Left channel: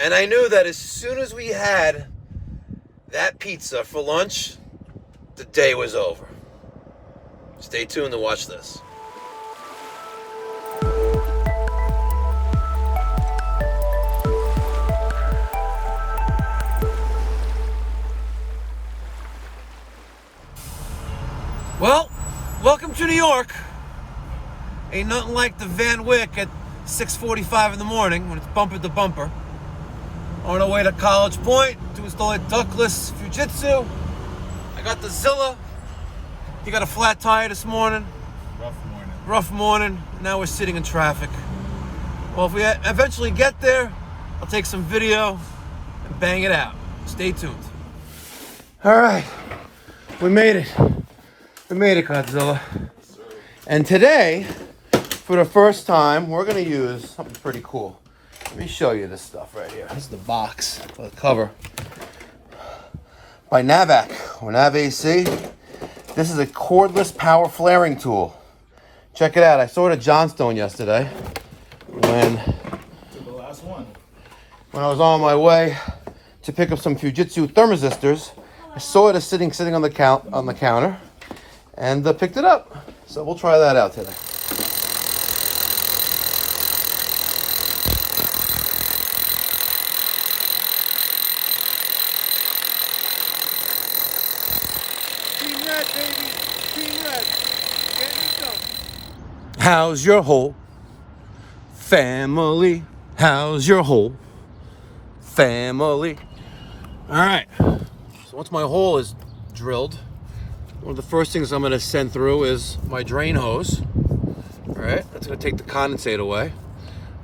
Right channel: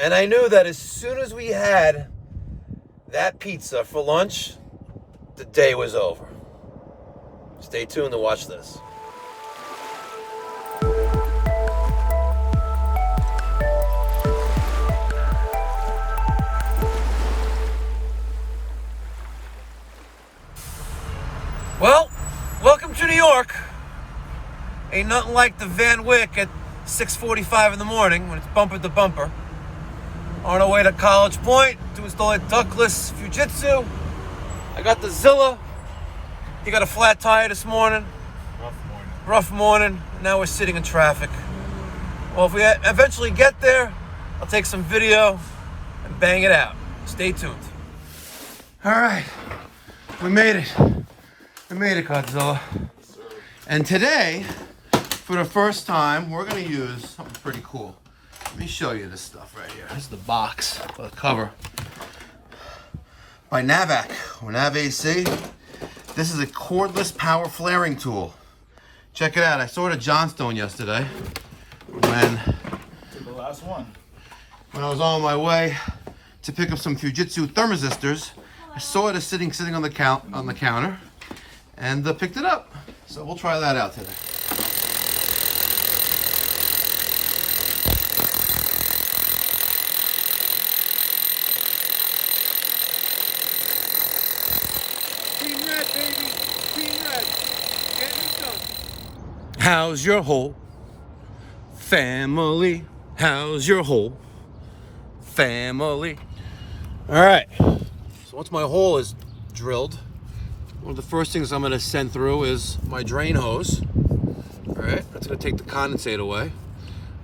And I knew that as soon as we had that pizza for lunch, the day was over. Stay tuned to watch this. Well, welcome to New York. Ain't nothing like the Van Wyck at 6:45 in the morning when it's bumper to bumper. On our way to College Point to install a ductless Fujitsu. I got the Zilla. He got a flat tire this morning. Rough morning. Now we're sitting in traffic. Well, if we eventually get there, I'll take some video and bang it out. Stay tuned. All right, we made it. We made it, Godzilla. And today, for the first time, we're gonna use something pretty cool. Let me show you this stuff right here. This is the box, the cover. By Navac, or NAVAC. This is a cordless power flaring tool. Check it out. I saw it at Johnstone yesterday when the last one. When I was on my way to pick up some Fujitsu thermistors. I saw it sitting on the counter. And picked it up. So we'll try that out today. Team Red, baby. Team Red. Getting it done. How's your whole family? How's your whole family? All right. So once my hole is drilled, one of the first things I'm going to send through is my drain hose. All right, that's going to take the condensate away.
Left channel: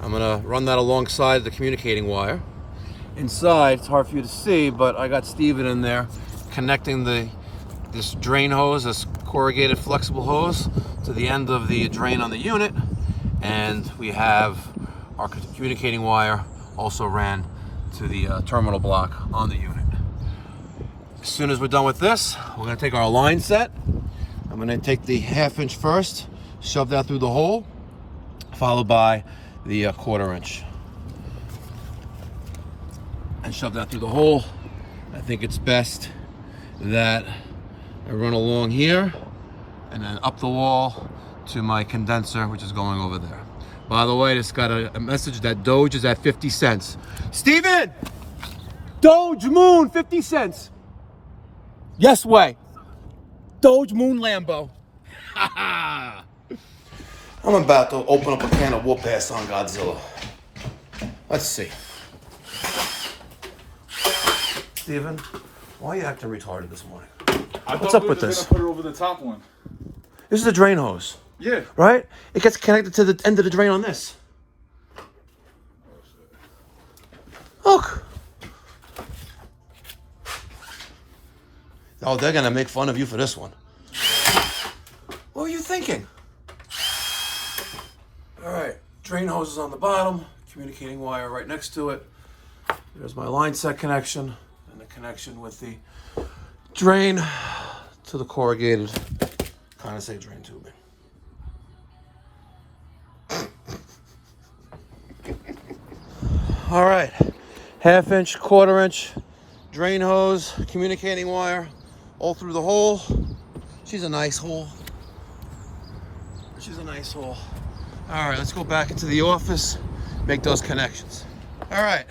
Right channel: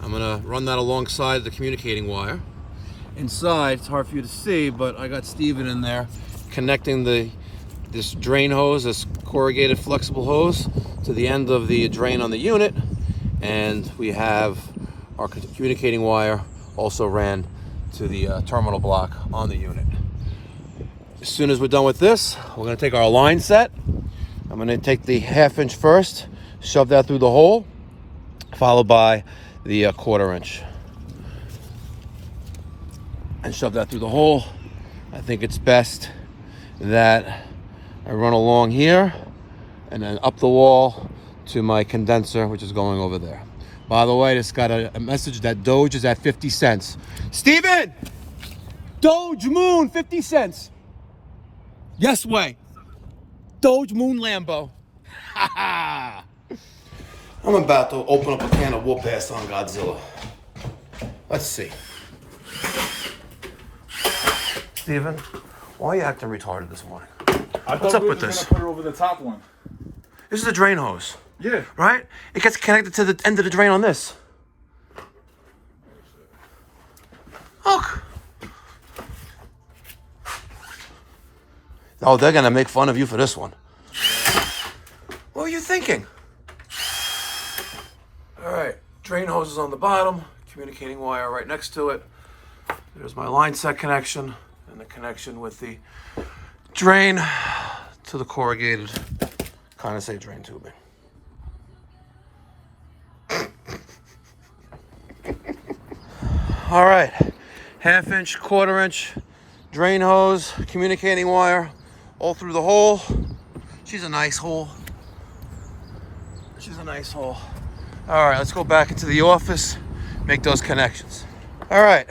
I'm going to run that alongside the communicating wire. Inside, it's hard for you to see, but I got Steven in there connecting this drain hose, this corrugated flexible hose, to the end of the drain on the unit. And we have our communicating wire also ran to the terminal block on the unit. As soon as we're done with this, we're going to take our line set. I'm going to take the 1/2 inch first, shove that through the hole, followed by the 1/4 inch. And shove that through the hole. I think it's best that I run along here and then up the wall to my condenser, which is going over there. By the way, just got a message that Doge is at 50 cents. Steven! Doge Moon, 50 cents. Yes way. Doge Moon Lambo. I'm about to open up a can of whoop ass on Godzilla. Let's see. Steven, why are you acting retarded this morning? What's up with this? Put it over the top one. This is a drain hose. Yeah. Right? It gets connected to the end of the drain on this. Look. Oh, they're gonna make fun of you for this one. What were you thinking? All right, drain hose is on the bottom, communicating wire right next to it. There's my line set connection and the connection with the drain to the corrugated condensate drain tubing. All right, 1/2 inch, 1/4 inch drain hose, communicating wire, all through the hole. She's a nice hole. She's a nice hole. All right, let's go back into the office, make those connections. All right,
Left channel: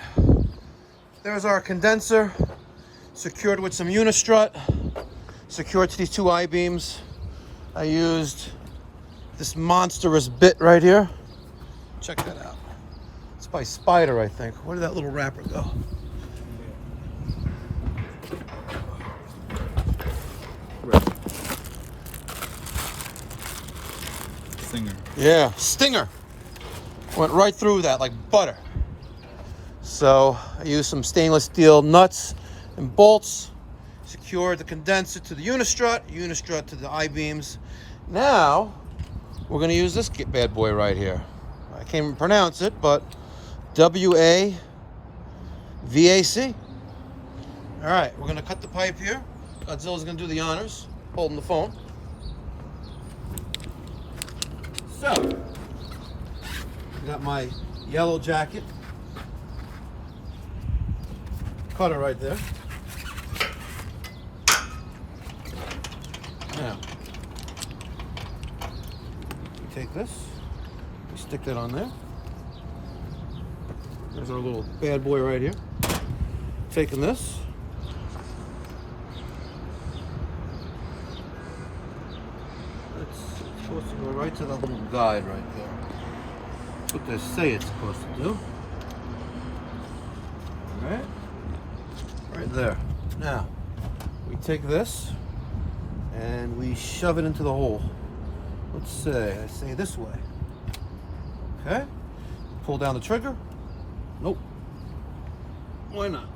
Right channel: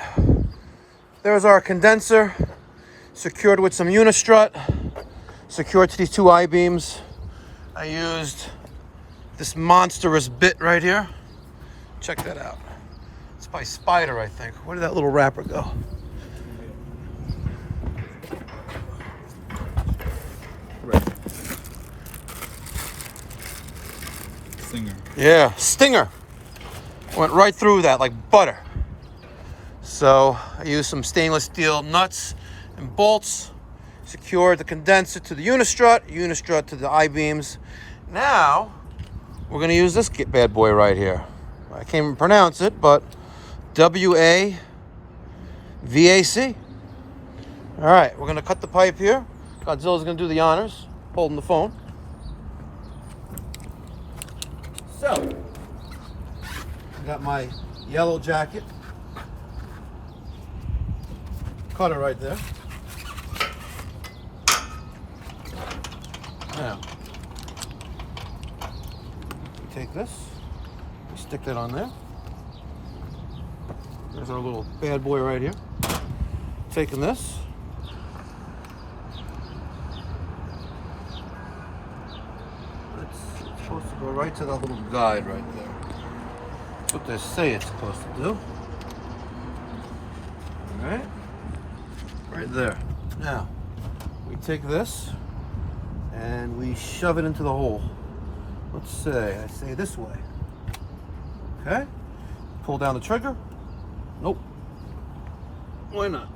there's our condenser, secured with some unistrut, secured to these 2 I-beams. I used this monstrous bit right here. Check that out. It's by Spider, I think. Where did that little wrapper go? Stinger. Yeah, Stinger. Went right through that like butter. So I used some stainless steel nuts and bolts, secured the condenser to the unistrut to the I-beams. Now, we're gonna use this bad boy right here. I can't even pronounce it, but WAVAC. All right, we're gonna cut the pipe here. Godzilla's gonna do the honors, holding the phone. So, I got my yellow jacket. cut it right there. Now, we take this, we stick that on there. There's our little bad boy right here. Taking this. It's supposed to go right to that little guide right there. That's what they say it's supposed to do. Alright. Right there. Now, we take this and we shove it into the hole. Let's say, I say this way. Okay. Pull down the trigger. Nope. Why not?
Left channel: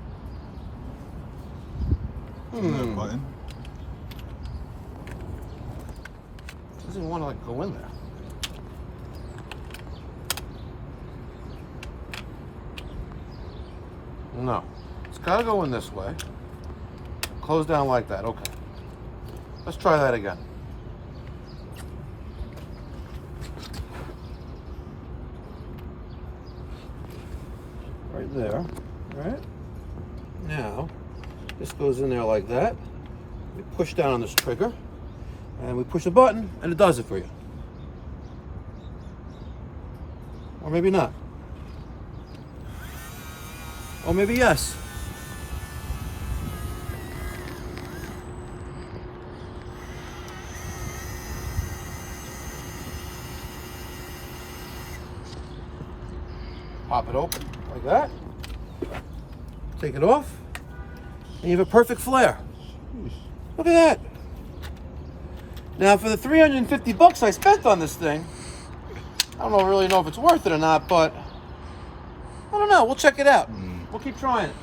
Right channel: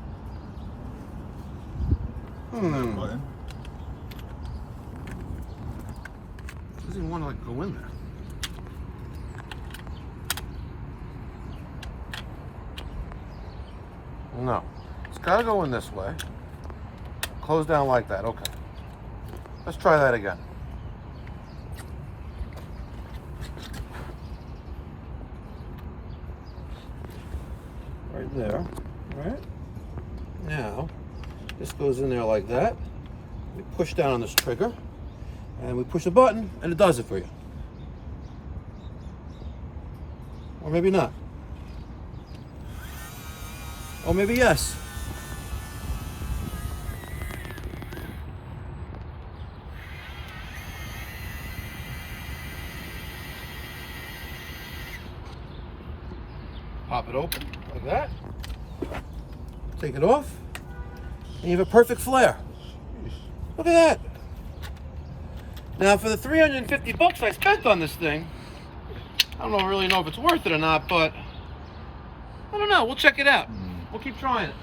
Button. Doesn't even want to like go in there. No. It's got to go in this way. Close down like that. Okay. Let's try that again. Right there. Right? Now, this goes in there like that. We push down on this trigger, and we push the button, and it does it for you. Or maybe not. Or maybe yes. Pop it open like that. Take it off. And you have a perfect flare. Look at that. Now for the 350 bucks I spent on this thing, I don't really know if it's worth it or not, but I don't know. We'll check it out. We'll keep trying it.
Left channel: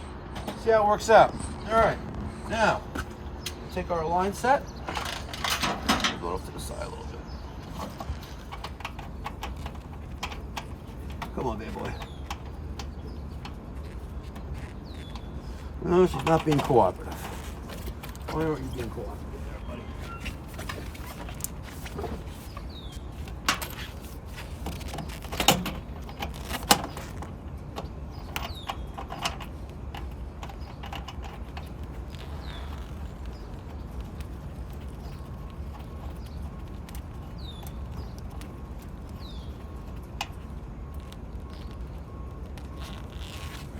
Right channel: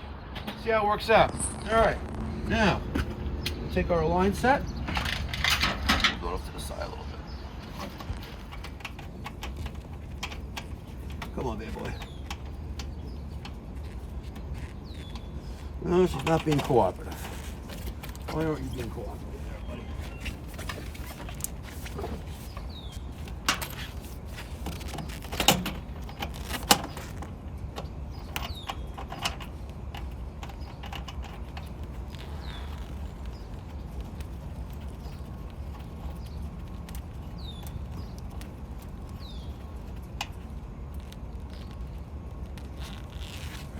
See how it works out. All right. Now, we'll take our line set. Go off to the side a little bit. Come on, bad boy. No, she's not being cooperative. Why aren't you being cooperative there, buddy?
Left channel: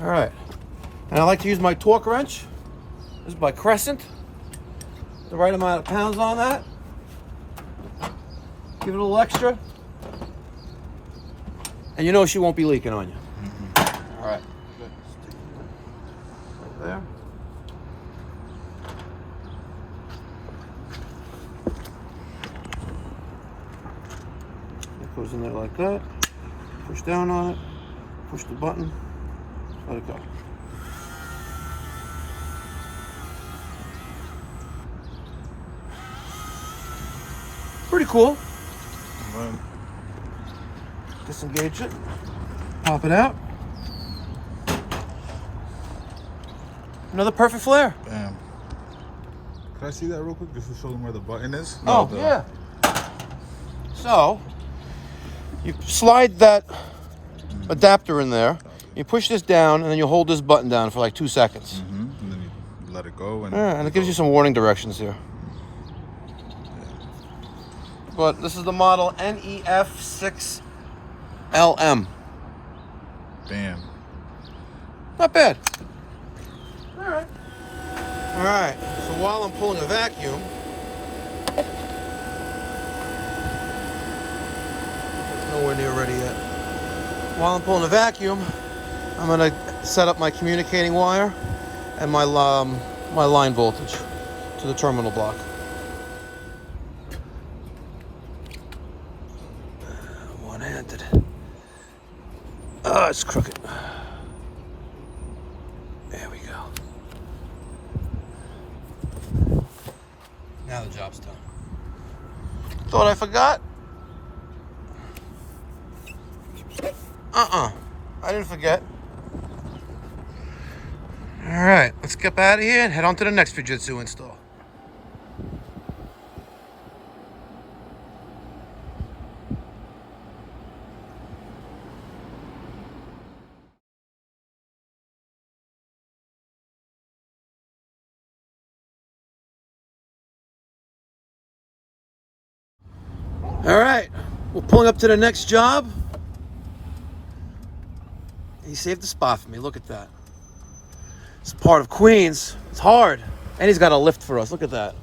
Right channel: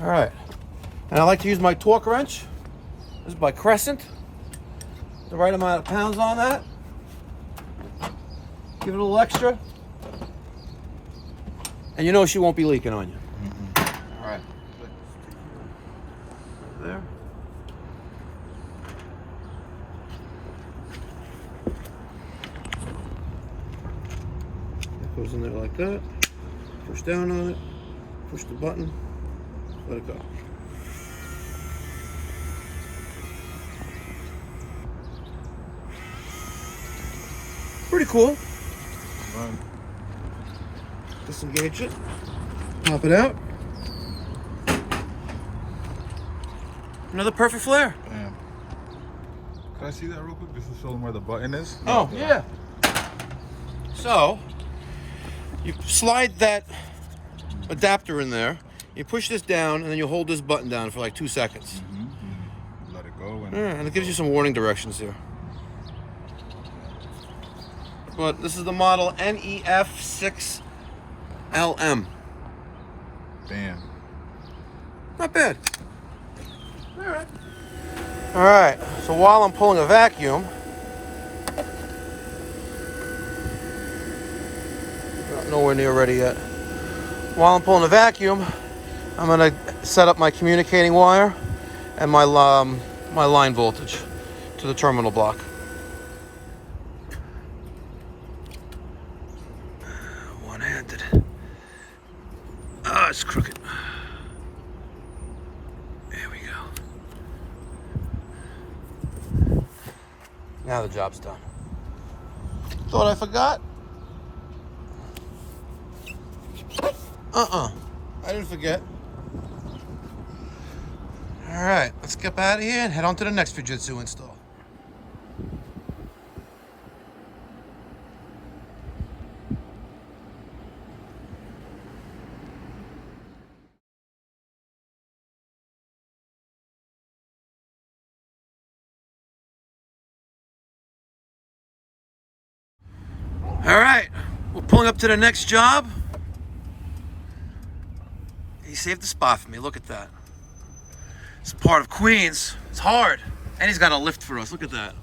All right. And I like to use my torque wrench. This is by Crescent. The right amount of pounds on that. Give it a little extra. And you know she won't be leaking on you. All right. Good. Right there. It goes in there like that. Push down on it. Push the button. Let it go. Pretty cool. Right. Disengage it. Pop it out. Another perfect flare. Bam. Can I see that real quick just to show them where the button is? Oh, yeah. So, you slide that adapter in there. You push this down, and then you hold this button down for like 2 seconds. And then you let it go. And it gives you some warning directions here. But this is the model NEF6LM. Bam. Not bad. All right. All right. So while I'm pulling a vacuum, nowhere near ready yet. While I'm pulling a vacuum, I'm gonna set up my communicating wire and my line voltage to the terminal block. One-handed. Oh, it's crooked. There we go. Now the job's done. Thought I forgot? I didn't forget. All right, let's get out of here and head on to the next Fujitsu install. All right, we're pulling up to the next job. He saved the spot for me. Look at that. It's part of Queens. It's hard. And he's got a lift for us. Look at that.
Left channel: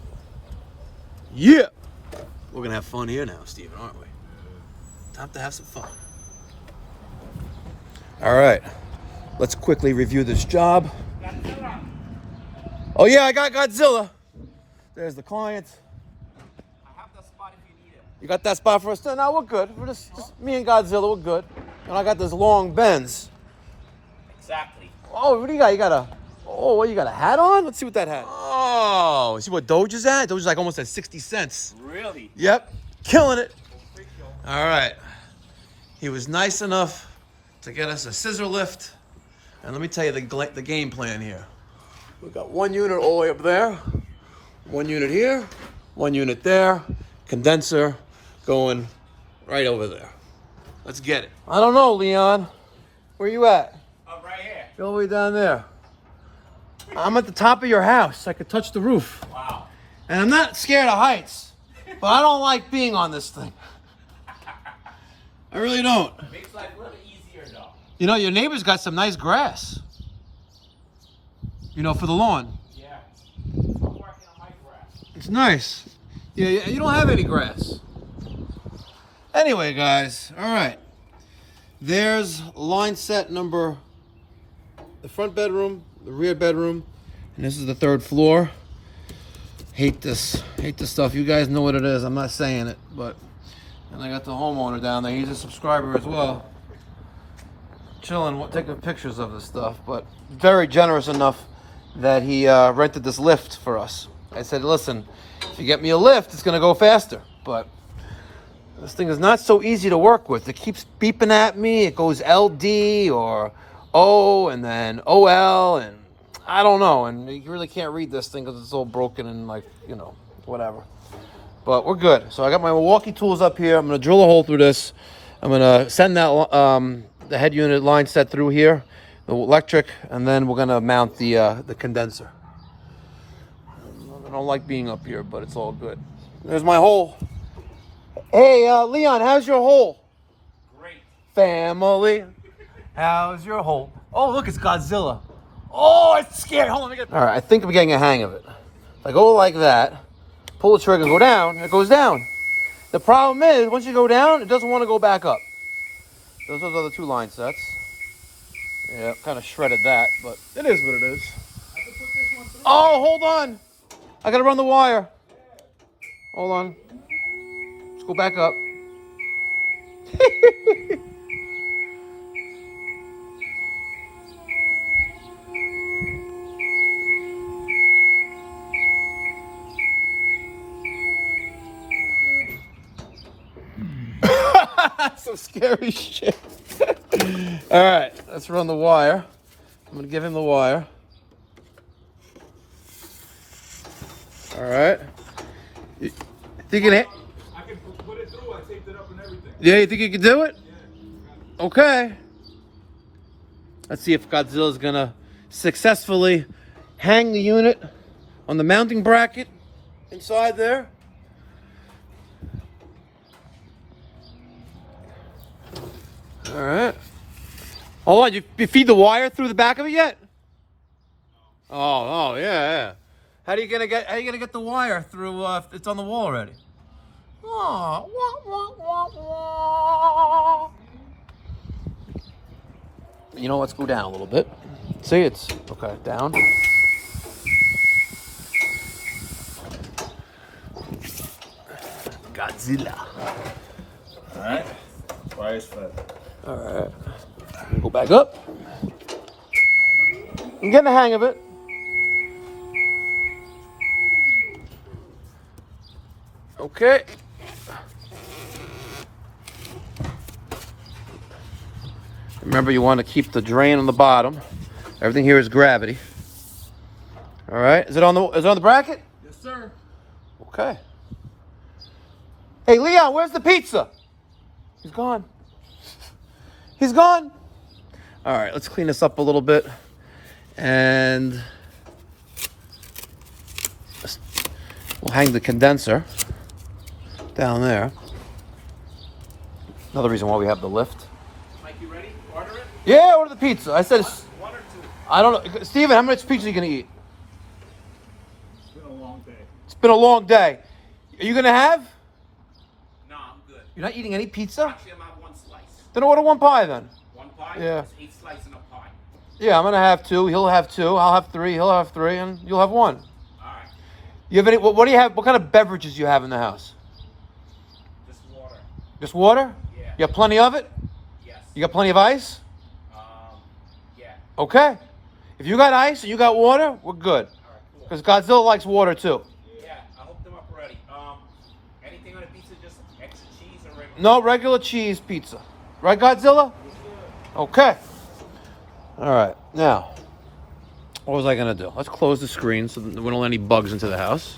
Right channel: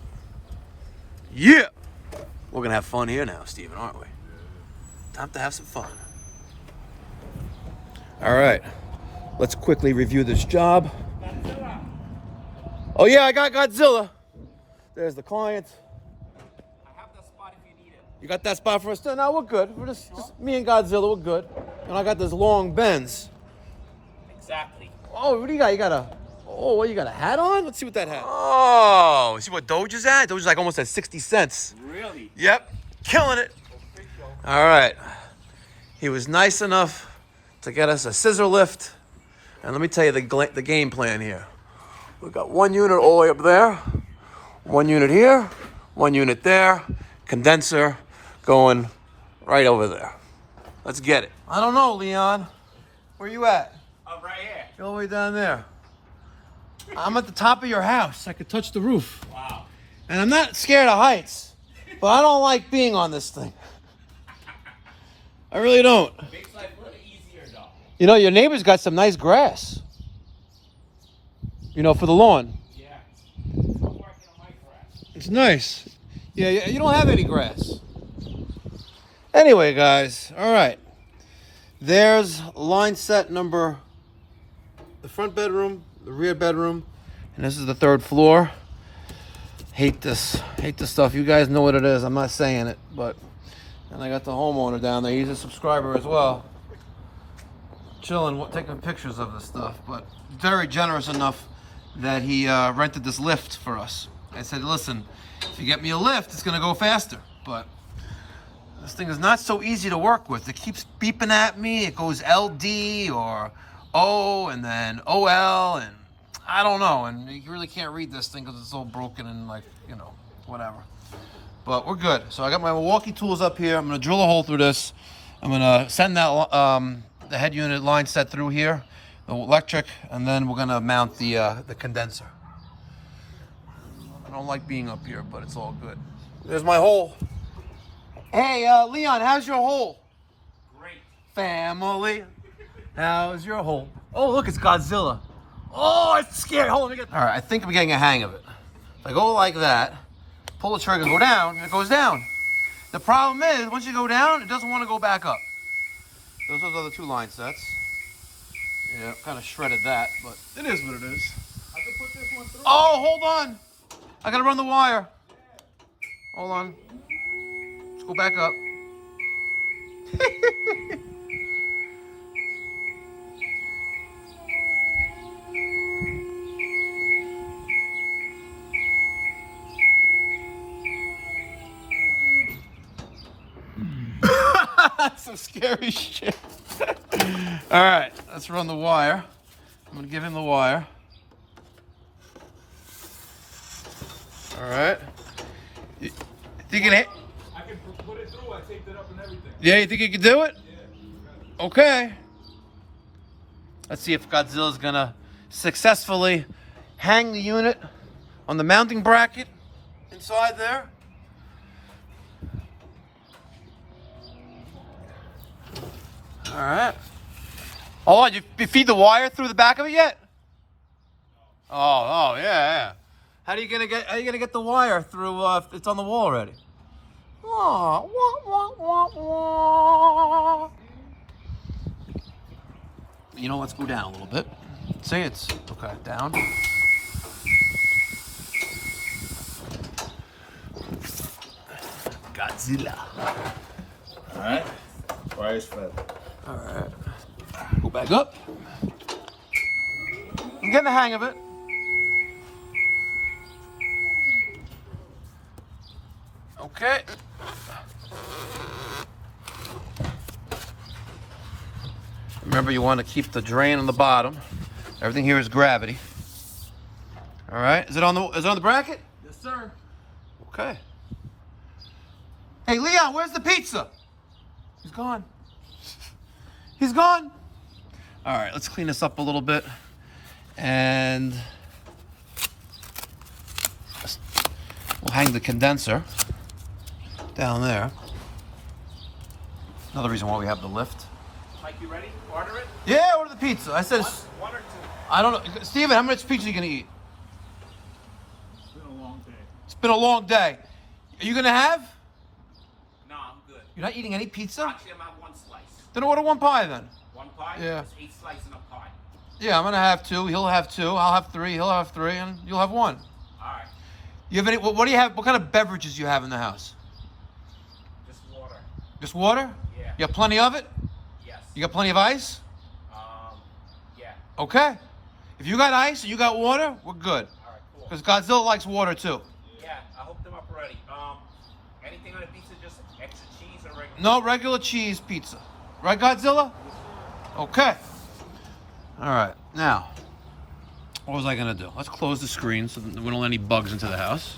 Yeah. We're going to have fun here now, Steven, aren't we? Time to have some fun. All right. Let's quickly review this job. Oh, yeah, I got Godzilla. There's the client. I have that spot if you need it. You got that spot for us? No, we're good. We're just me and Godzilla. We're good. And I got this long Benz. Exactly. Oh, what do you got? You got a... Oh, what, you got a hat on? Let's see what that hat. Oh, see what Doge is at? Doge is like almost at 60 cents. Really? Yep, killing it. All right. He was nice enough to get us a scissor lift. And let me tell you the game plan here. We've got one unit all the way up there, one unit here, one unit there, condenser going right over there. Let's get it. I don't know, Leon. Where you at? I'm right here. You're all the way down there. I'm at the top of your house. I could touch the roof. Wow. And I'm not scared of heights, but I don't like being on this thing. I really don't. Bayside's a little easier though. You know, your neighbor's got some nice grass. You know, for the lawn. Yeah. I'm working on my grass. It's nice. Yeah, you don't have any grass. Anyway, guys, all right. There's line set number, the front bedroom, the rear bedroom, and this is the third floor. Hate this stuff. You guys know what it is. I'm not saying it, but, and I got the homeowner down there. He's a subscriber as well. Chilling, taking pictures of this stuff, but very generous enough that he rented this lift for us. I said, listen, if you get me a lift, it's gonna go faster, but this thing is not so easy to work with. It keeps beeping at me. It goes LD or O and then OL, and I don't know. And you really can't read this thing because it's all broken and like, you know, whatever. But we're good. So I got my Milwaukee tools up here. I'm gonna drill a hole through this. I'm gonna send that the head unit line set through here, the electric, and then we're gonna mount the condenser. I don't like being up here, but it's all good. There's my hole. Hey, Leon, how's your hole? Great. Family, how's your hole? Oh, look, it's Godzilla. Oh, I'm scared. Hold on, let me get... All right, I think I'm getting a hang of it. If I go like that, pull the trigger, go down, it goes down. The problem is, once you go down, it doesn't want to go back up. Those are the two line sets. Yeah, kind of shredded that, but it is what it is. I can put this one through. Oh, hold on. I gotta run the wire. Hold on. Let's go back up. Some scary shit. All right, let's run the wire. I'm gonna give him the wire. All right. You think it? I can put it through. I taped it up and everything. Yeah, you think you can do it? Yeah. Okay. Let's see if Godzilla's gonna successfully hang the unit on the mounting bracket inside there. All right. Hold on, you feed the wire through the back of it yet? Oh, yeah. How are you gonna get the wire through if it's on the wall already? Oh, You know, let's go down a little bit. See, it's okay, down. Godzilla. All right. Wire's flat. All right. Go back up. I'm getting the hang of it. Okay. Remember, you want to keep the drain on the bottom. Everything here is gravity. All right. Is it on the bracket? Yes, sir. Okay. Hey, Leon, where's the pizza? He's gone. He's gone. All right, let's clean this up a little bit. And we'll hang the condenser down there. Another reason why we have the lift. Mike, you ready? Order it? Yeah, order the pizza. I said, One or two? I don't know. Steven, how much pizza are you going to eat? It's been a long day. It's been a long day. Are you going to have? No, I'm good. You're not eating any pizza? Actually, I'm at one slice. Then order one pie then. One pie? Yeah. It's 8 slices in a pie. Yeah, I'm going to have 2. He'll have 2. I'll have 3. He'll have 3. And you'll have 1. All right. You have any, what do you have? What kind of beverages do you have in the house? Just water. Just water? Yeah. You have plenty of it? Yes. You got plenty of ice? Yeah. Okay. If you got ice and you got water, we're good. All right, cool. Because Godzilla likes water too. Yeah, I hooked them up already. Anything on the pizza, just extra cheese or regular? No regular cheese pizza. Right, Godzilla? Okay. All right. Now, what was I going to do? Let's close the screen so that we don't let any bugs into the house.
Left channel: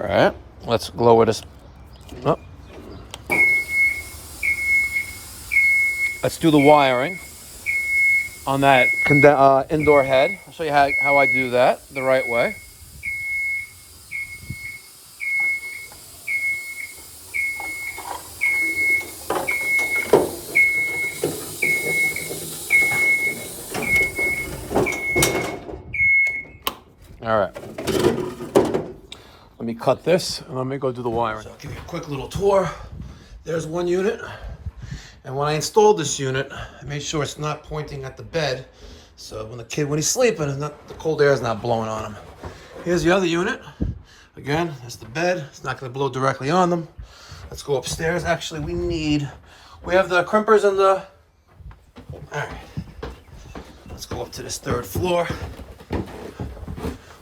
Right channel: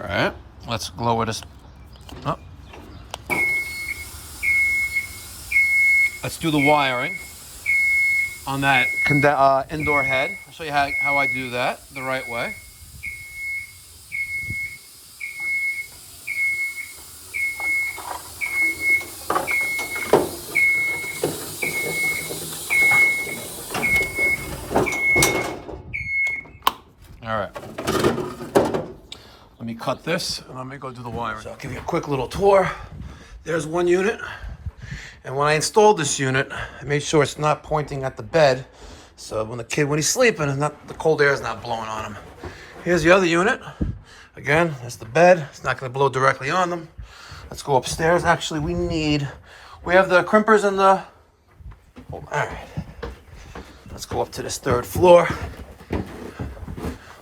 All right. Let's lower this. Oh. Let's do the wiring on that indoor head. I'll show you how I do that the right way. All right. Let me cut this and let me go do the wiring. So I'll give you a quick little tour. There's one unit. And when I installed this unit, I made sure it's not pointing at the bed. So when he's sleeping, the cold air is not blowing on him. Here's the other unit. Again, there's the bed. It's not going to blow directly on them. Let's go upstairs. Actually, we have the crimpers and the... All right. Let's go up to this 3rd floor.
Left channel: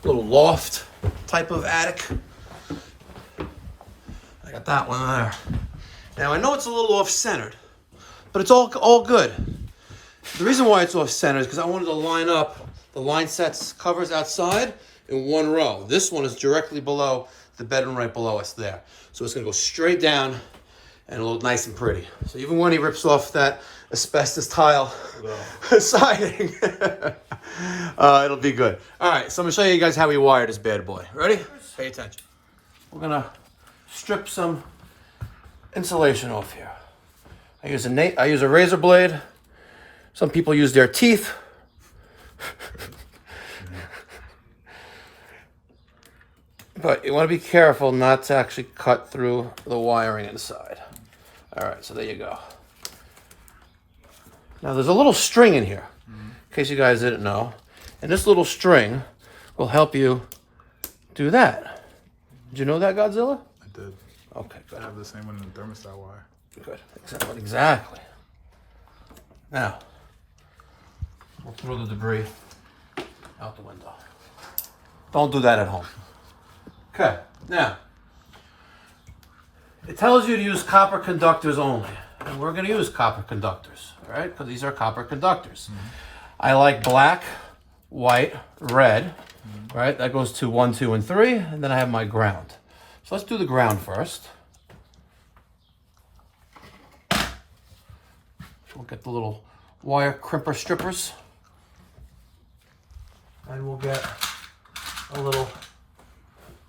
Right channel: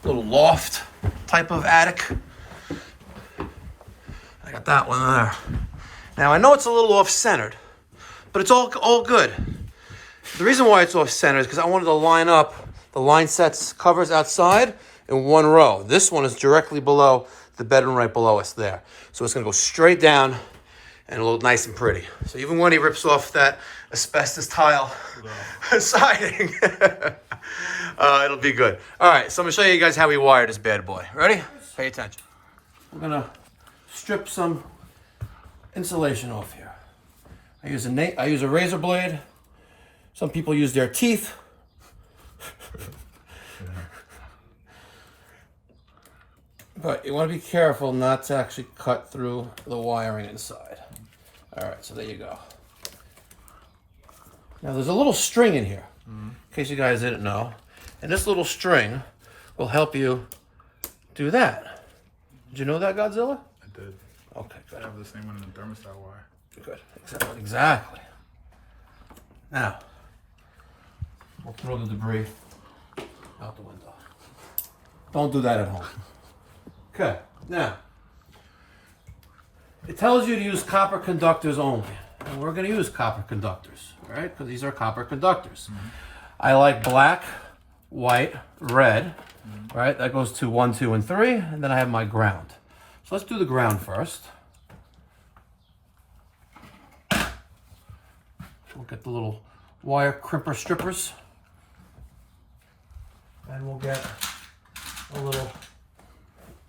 Little loft type of attic. I got that one there. Now, I know it's a little off-centered, but it's all good. The reason why it's off-centered is because I wanted to line up the line sets covers outside in one row. This one is directly below the bedroom right below us there. So it's going to go straight down and look nice and pretty. So even when he rips off that asbestos tile siding, it'll be good. All right, so I'm going to show you guys how we wire this bad boy. Ready? Pay attention. We're going to strip some insulation off here. I use a razor blade. Some people use their teeth. But you want to be careful not to actually cut through the wiring inside. All right, so there you go. Now there's a little string in here, in case you guys didn't know. And this little string will help you do that. Did you know that, Godzilla? I did. Okay, good. I have the same one in the thermostat wire. Good. Exactly. Now, we'll throw the debris out the window. Don't do that at home. Okay, now, it tells you to use copper conductors only. And we're going to use copper conductors, all right? Because these are copper conductors. I like black, white, red, right? That goes to 1, 2, and 3. And then I have my ground. So let's do the ground first. We'll get the little wire crimper strippers. And we'll get a little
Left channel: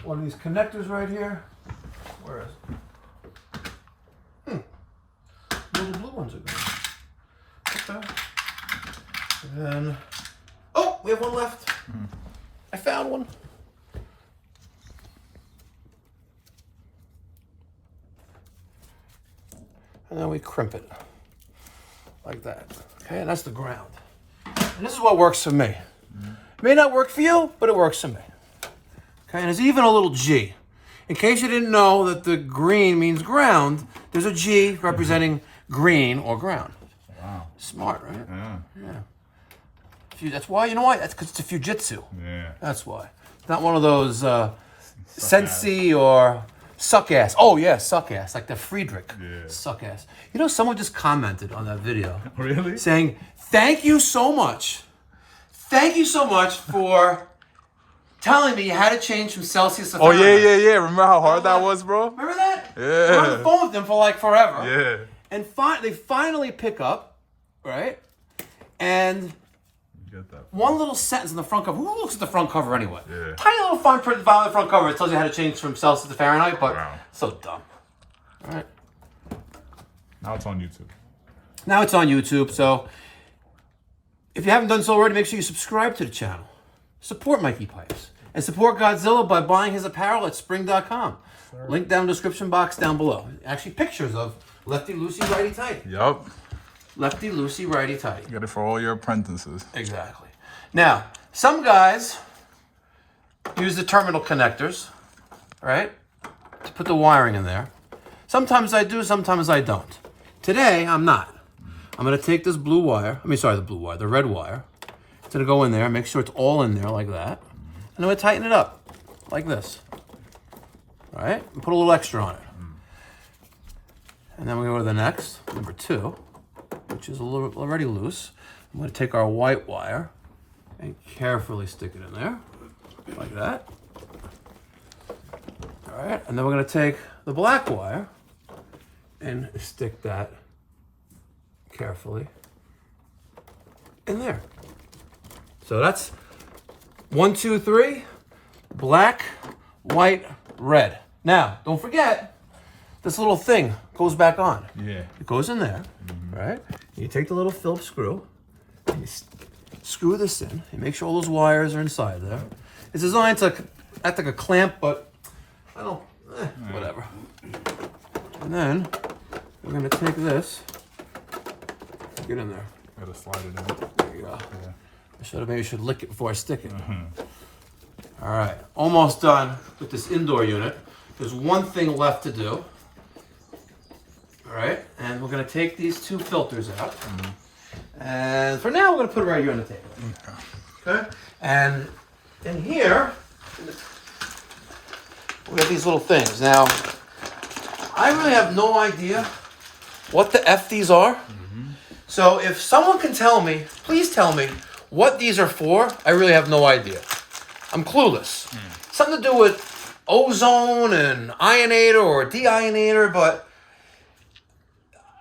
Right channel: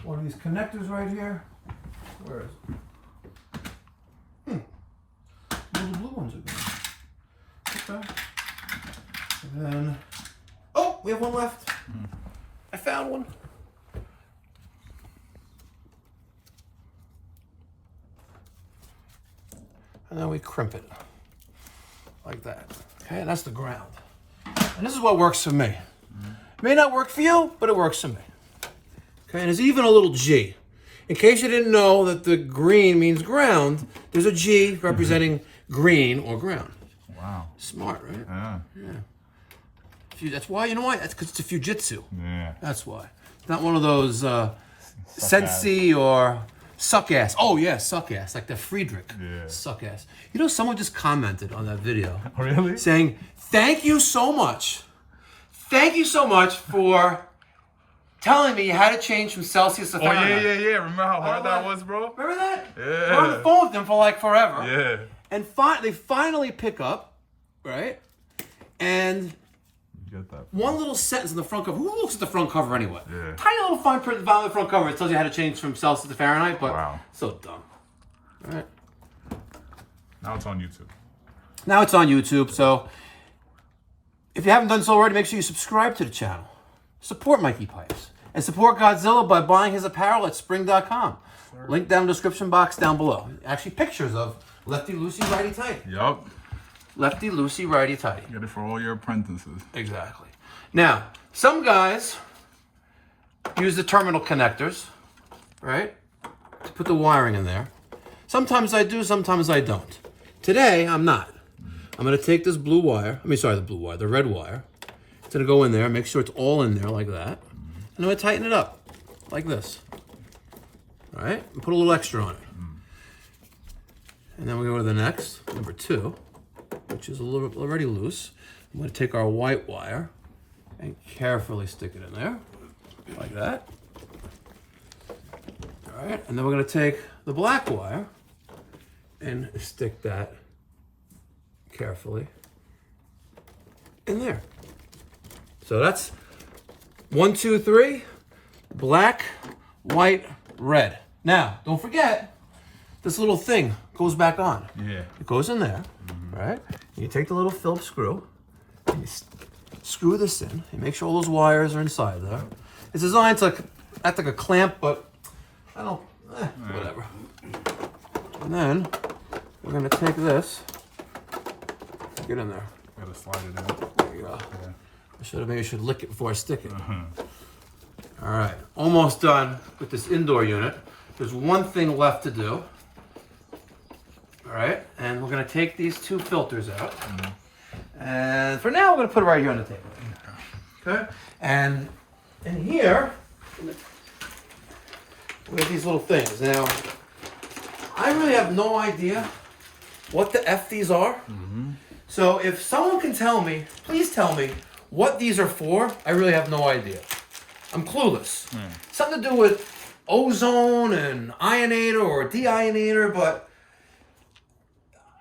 one of these connectors right here. Where is it? Little blue ones are good. Okay. And then, oh, we have one left. I found one. And then we crimp it like that. Okay, and that's the ground. And this is what works for me. It may not work for you, but it works for me. Okay, and there's even a little G. In case you didn't know that the green means ground, there's a G representing green or ground. Wow. Smart, right? Yeah. Yeah. That's why, you know why? That's because it's a Fujitsu. Yeah. That's why. It's not one of those Sensi or suck ass. Oh yeah, suck ass, like the Friedrich. Yeah. Suck ass. You know, someone just commented on that video. Really? Saying, thank you so much. Thank you so much for telling me how to change from Celsius to Oh, Fahrenheit. yeah. Remember how hard that was, bro? Remember that? Yeah. We're on the phone with them for like forever. Yeah. And they finally pick up, right? And You get that. one little sentence in the front cover. Who looks at the front cover anyway? Yeah. Tiny little fine print on the front cover. It tells you how to change from Celsius to Fahrenheit, but Wow. so dumb. All right. Now it's on YouTube. Now it's on YouTube, so if you haven't done so already, make sure you subscribe to the channel. Support Mikey Pipes. And support Godzilla by buying his apparel at spring.com. Link down in the description box down below. Actually, pictures of lefty, loosey, righty, tighty. Yup. Lefty, loosey, righty, tighty. Get it for all your apprentices. Exactly. Now, some guys use the terminal connectors, right, to put the wiring in there. Sometimes I do, sometimes I don't. Today, I'm not. I'm going to take this blue wire, the red wire. It's going to go in there, make sure it's all in there like that. And I'm going to tighten it up like this. All right? And put a little extra on it. And then we're going to go to the next, number 2, which is a little already loose. I'm going to take our white wire and carefully stick it in there, like that. All right, and then we're going to take the black wire and stick that carefully in there. So that's 1, 2, 3, black, white, red. Now, don't forget, this little thing goes back on. Yeah. It goes in there, right? You take the little Phillips screw, and you screw this in, and make sure all those wires are inside there. It's designed to act like a clamp, but I don't, whatever. And then we're gonna take this, get in there. Gotta slide it in. There you go. Yeah. Maybe I should lick it before I stick it. All right, almost done with this indoor unit. There's one thing left to do. All right, and we're gonna take these 2 filters out. And for now, we're gonna put it right here on the table. Okay? And in here, we have these little things. Now, I really have no idea what the F these are. So if someone can tell me, please tell me what these are for. I really have no idea. I'm clueless. Something to do with ozone and ionator or deionator, but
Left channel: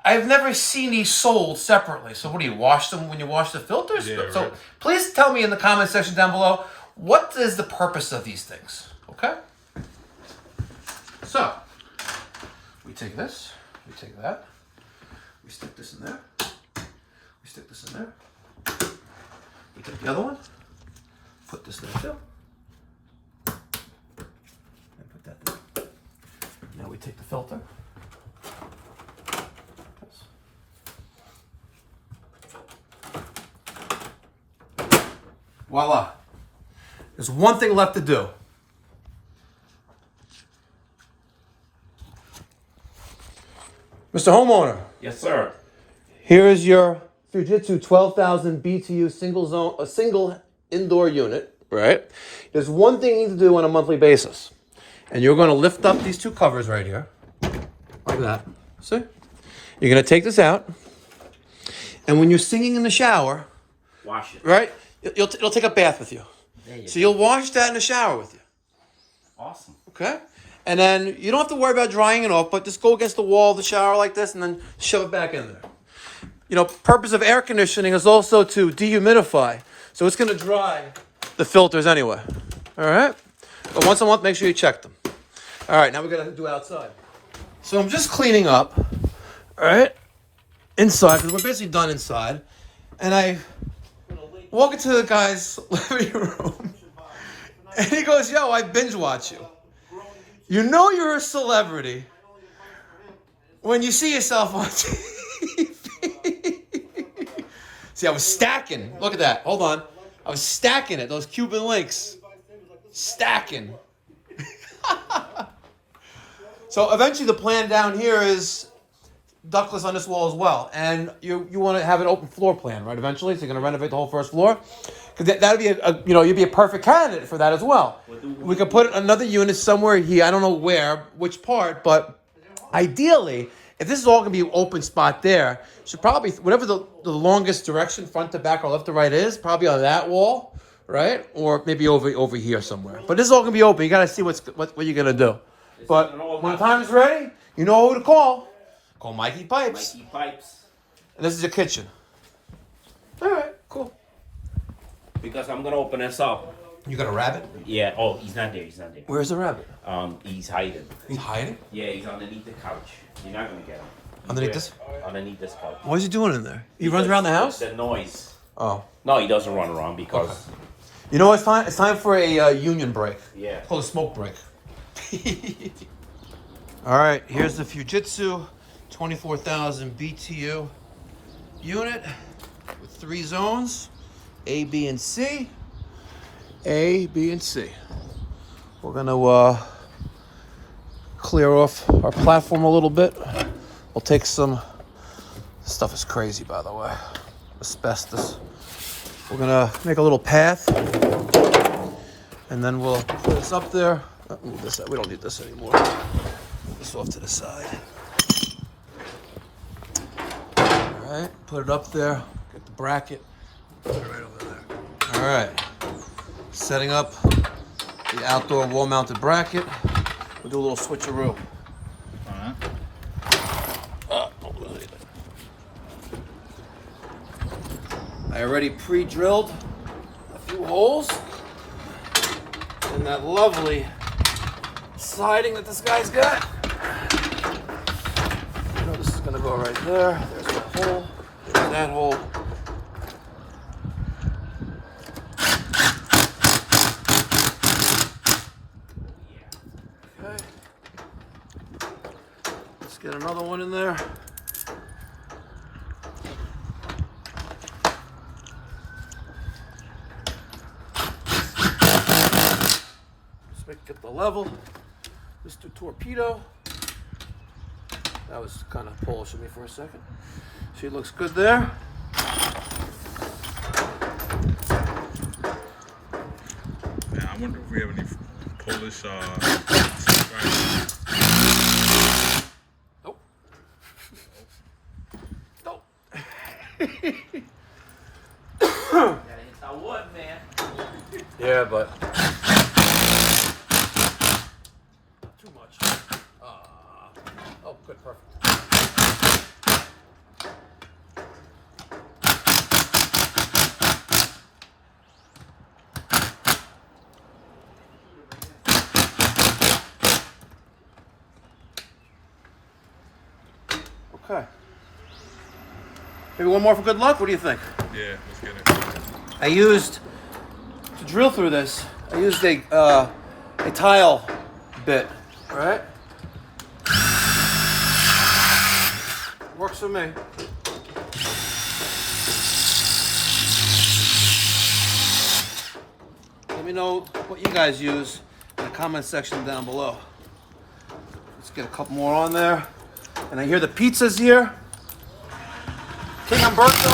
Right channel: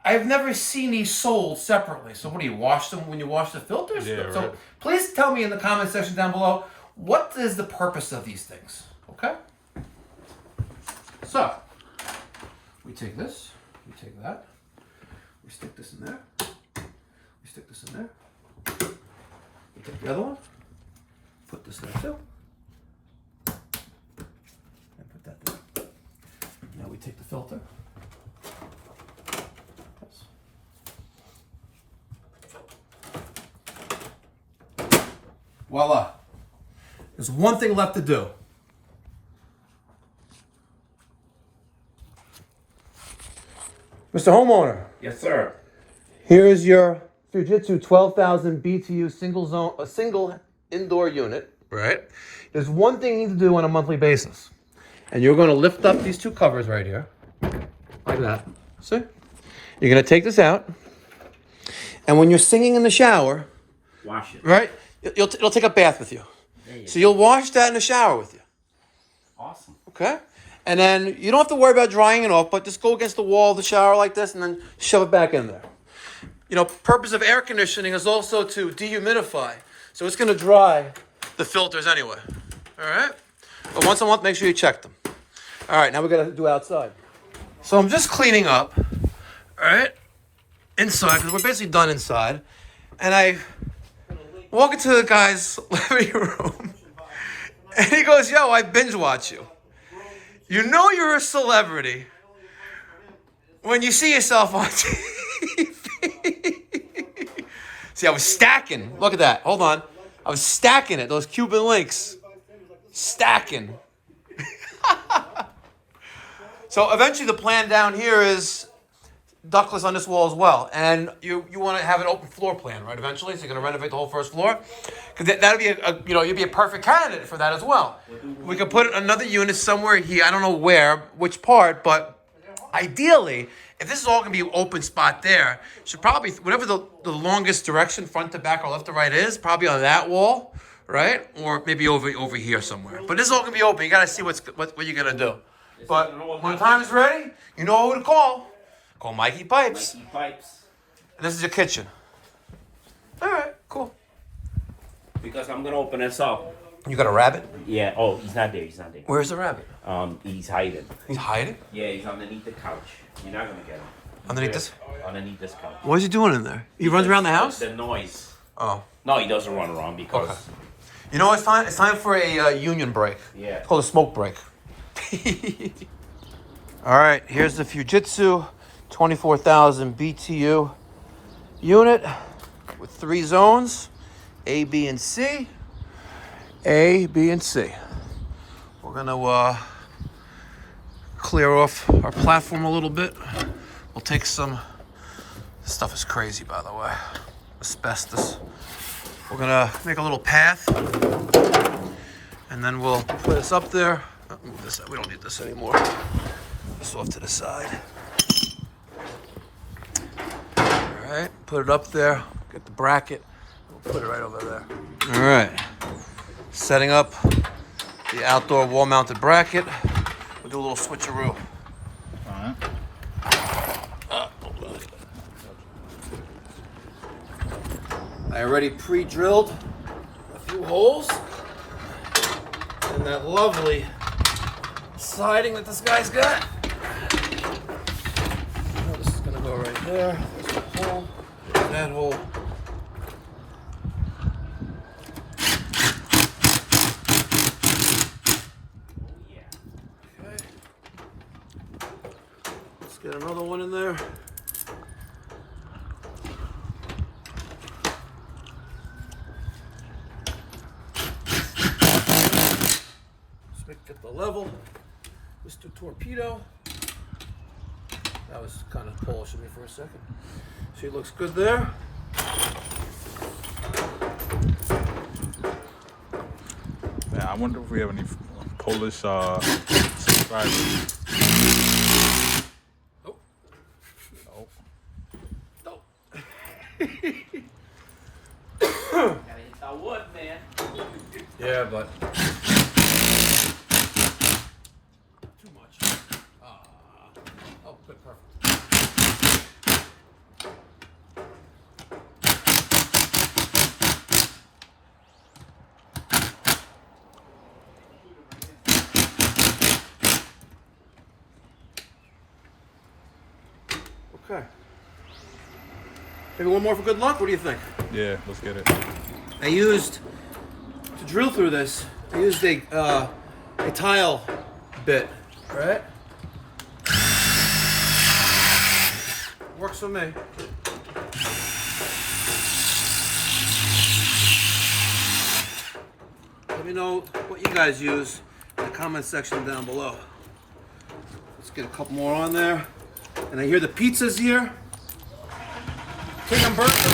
I've never seen these sold separately. So what do you wash them when you wash the filters? Yeah, So right. please tell me in the comment section down below, what is the purpose of these things? Okay? So, we take this, we take that, we stick this in there, we stick this in there, we take the other one, put this there too, and put that there. Now we take the filter. Voila. There's one thing left to do. Mr. Homeowner. Yes, sir. Here is your Fujitsu 12,000 BTU single indoor unit, right? There's one thing you need to do on a monthly basis. And you're going to lift up these 2 covers right here. Like that. See? You're going to take this out. And when you're singing in the shower, Wash it. right? It'll take a bath with you. So you'll wash that in the shower with you. Awesome. Okay? And then you don't have to worry about drying it off, but just go against the wall of the shower like this and then shove it back in there. You know, purpose of air conditioning is also to dehumidify. So it's going to dry the filters anyway. All right? But once a month, make sure you check them. All right, now we're going to do outside. So I'm just cleaning up, all right, inside, because we're basically done inside. And I walk into the guy's living room, and he goes, yo, I binge watch you. You know you're a celebrity when you see yourself on TV. See, I was stacking. Look at that. Hold on. I was stacking it. Those Cuban links. Stacking. So eventually the plan down here is ductless on this wall as well. And you want to have an open floor plan, right, eventually? So you're going to renovate the whole first floor? Because that would be, you'd be a perfect candidate for that as well. We could put another unit somewhere here. I don't know where, which part, but ideally, if this is all going to be an open spot there, should probably, whatever the longest direction, front to back or left to right is, probably on that wall, right? Or maybe over here somewhere. But this is all going to be open. You got to see what you're going to do. But when the time is ready, you know who to call. Call Mikey Pipes. Mikey Pipes. And this is your kitchen. All right, cool. Because I'm gonna open this up. You got a rabbit? Yeah. Oh, he's not there. He's not there. Where's the rabbit? He's hiding. He's hiding? Yeah, he's underneath the couch. You're not gonna get him. Underneath this? Underneath this couch. What is he doing in there? He runs around the house? The noise. Oh. No, he doesn't run around because... Okay. You know what it's time? It's time for a union break. Yeah. It's called a smoke break. All right, here's the Fujitsu 24,000 BTU unit with 3 zones, A, B, and C. A, B, and C. We're gonna clear off our platform a little bit. We'll take some, this stuff is crazy by the way, asbestos. We're gonna make a little path and then we'll put this up there. Oh, move this, we don't need this anymore. This off to the side. All right, put it up there, get the bracket, we'll put it right over there. All right, setting up the outdoor wall mounted bracket. We'll do a little switcheroo. I already pre-drilled a few holes in that lovely siding that this guy's got. This is gonna go right there. There's the hole. There's that hole. Okay. Let's get another one in there. Get the level, Mr. Torpedo. That was kind of polishing me for a second. She looks good there. Yeah, I wonder if we have any Polish subscribers. Nope. Nope. Gotta hit that wood, man. Yeah, but too much. Oh, good, perfect. Okay. Maybe one more for good luck. What do you think? Yeah, let's get it. I used to drill through this. I used a tile bit. All right. Works for me. Let me know what you guys use in the comment section down below. Let's get a couple more on there. And I hear the pizza's here. King Umberto.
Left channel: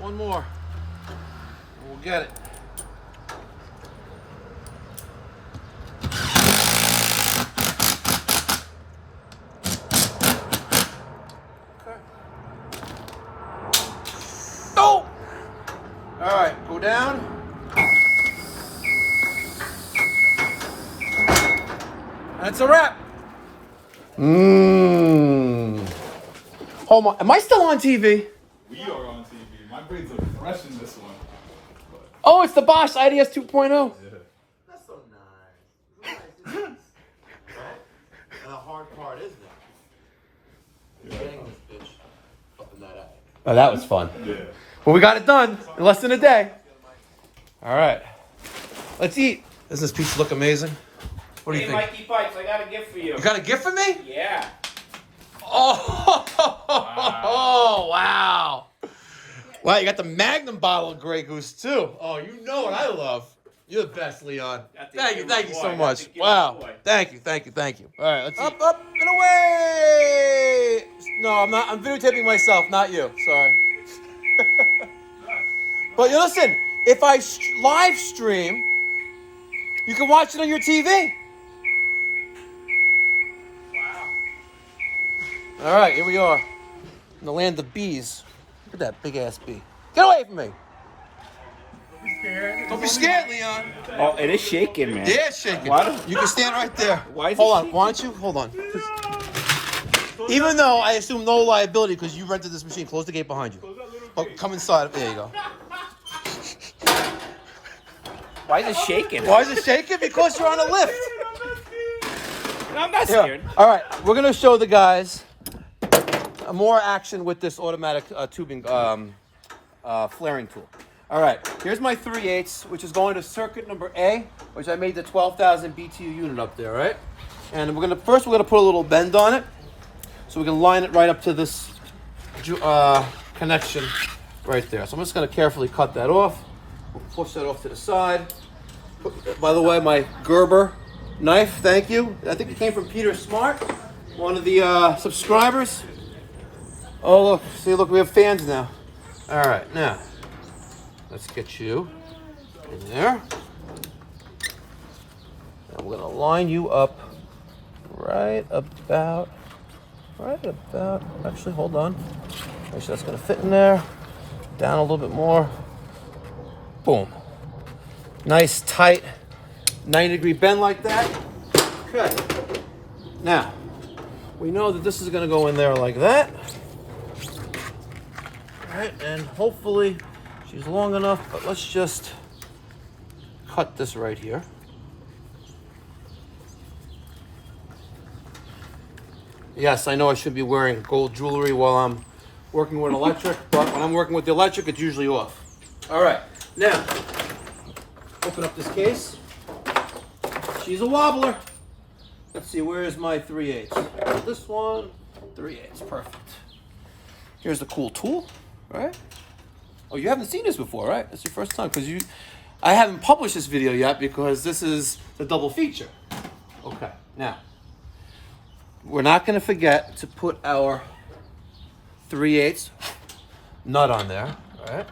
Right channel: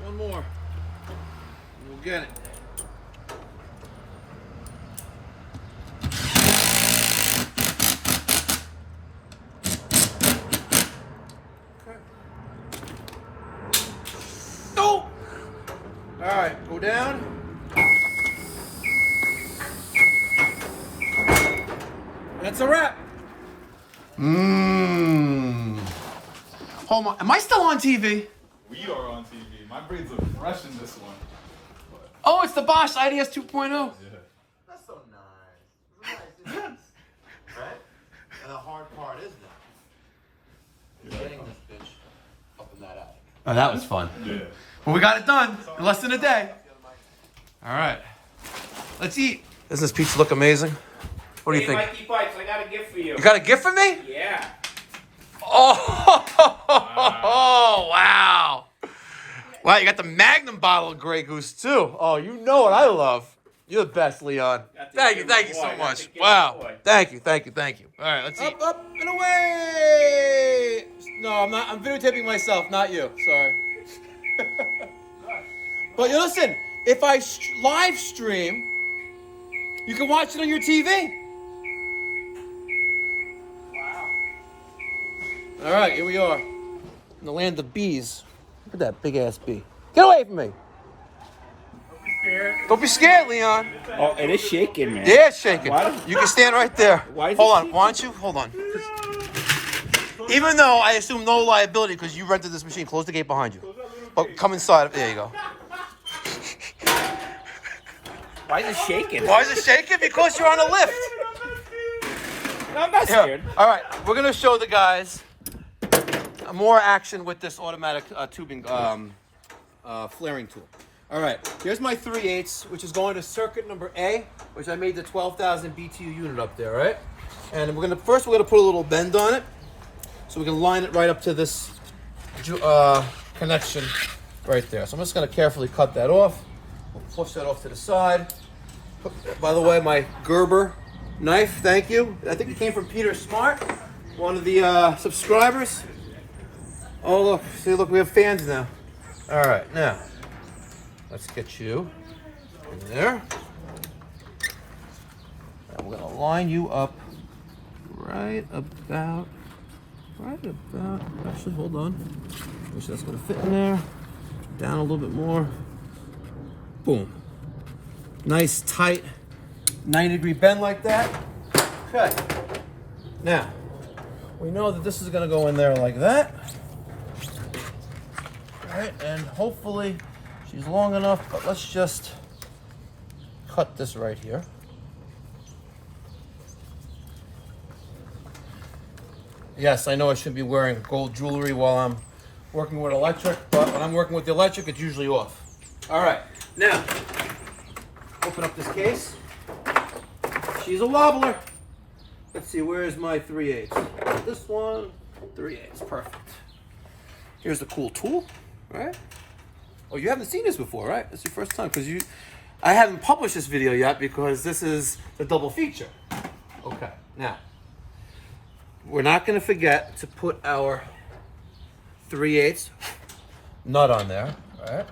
One more. And we'll get it. Okay. Oh! All right, go down. That's a wrap. Hold on. Am I still on TV? We are on TV. My braids are fresh in this one. Oh, it's the Bosch IDS 2.0. Yeah. That's so nice. Right? And the hard part is now getting this bitch up in that attic. Oh, that was fun. Yeah. Well, we got it done in less than a day. All right. Let's eat. Doesn't this pizza look amazing? What do you think? Mikey Pipes, I got a gift for you. You got a gift for me? Yeah. Oh, wow. Wow, you got the Magnum bottle of Grey Goose, too. Oh, you know what I love. You're the best, Leon. Thank you so much. Wow. Thank you. All right, let's eat. Up, and away. No, I'm not. I'm videotaping myself, not you. Sorry. But you listen, if I live stream, you can watch it on your TV. All right, here we are in the land of bees. Look at that big ass bee. Get away from me. Don't be scared, Leon. Oh, it is shaking, man. Yeah, it's shaking. Why? You can stand right there. Why is Hold it on. shaking? Why don't you? Hold on. Even though I assume no liability because you rented this machine, close the gate behind you. But come inside. There you go. Why is it shaking? Why is it shaking? Because you're on a lift. I'm not scared. All right, we're gonna show the guys more action with this automatic tubing flaring tool. All right, here's my 3/8, which is going to circuit number A, which I made the 12,000 BTU unit up there, right? And we're gonna put a little bend on it, so we can line it right up to this connection right there. So I'm just gonna carefully cut that off. We'll push that off to the side. By the way, my Gerber knife, thank you. I think it came from Peter Smart, one of the subscribers. Oh look, see, look, we have fans now. All right, now let's get you in there. And we're gonna line you up right about. Actually, hold on. Make sure that's gonna fit in there. Down a little bit more. Boom. Nice tight 90-degree bend like that. Okay. Now we know that this is gonna go in there like that. All right, and hopefully she's long enough, but let's just cut this right here. Yes, I know I should be wearing gold jewelry while I'm working with electric, but when I'm working with the electric, it's usually off. All right, now, open up this case. She's a wobbler. Let's see, where is my 3/8? This one, 3/8, perfect. Here's the cool tool, right? Oh, you haven't seen this before, right? It's your first time, because I haven't published this video yet because this is the double feature. Okay, now, we're not going to forget to put our 3/8 nut on there. All right,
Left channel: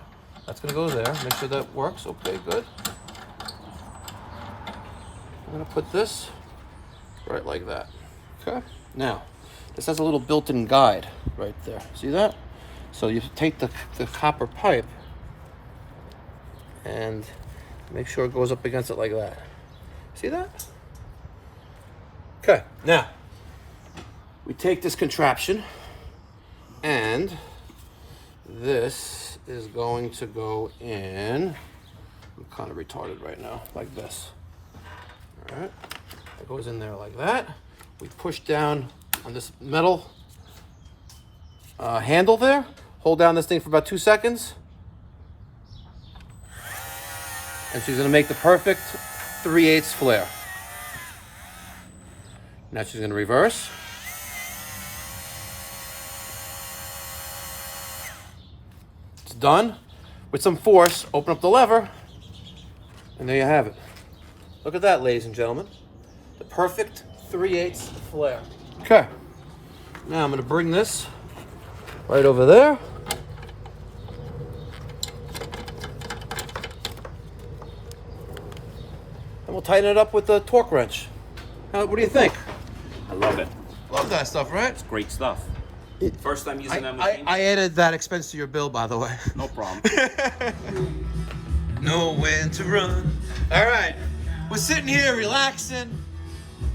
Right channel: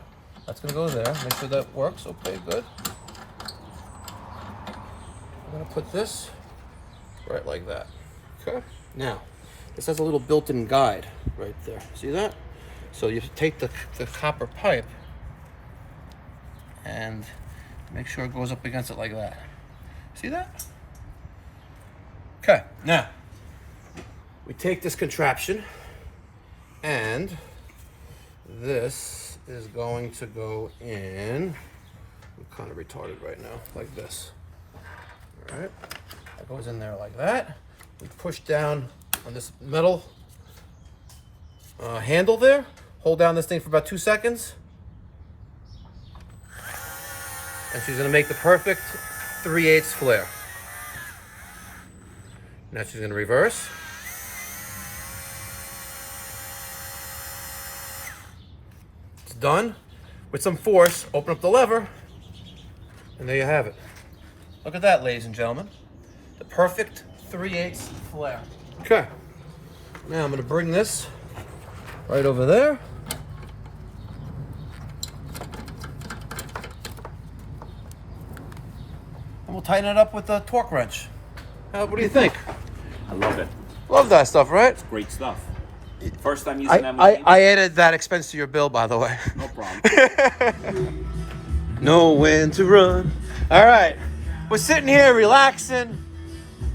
that's going to go there. Make sure that works. Okay, good. We're going to put this right like that. Okay. Now, this has a little built-in guide right there. See that? So you take the copper pipe and make sure it goes up against it like that. See that? Okay. Now, we take this contraption and this is going to go in. I'm kind of retarded right now, like this. All right, that goes in there like that. We push down on this metal handle there. Hold down this thing for about 2 seconds. And she's gonna make the perfect 3/8 flare. Now she's gonna reverse. Done. With some force, open up the lever, and there you have it. Look at that, ladies and gentlemen. The perfect 3/8 flare. Okay. Now I'm going to bring this right over there. And we'll tighten it up with the torque wrench. What do you think? I love it. Love that stuff, right? It's great stuff. First time using that machine? I added that expense to your bill, by the way. No problem. Know when to run. All right. We're sitting here relaxing.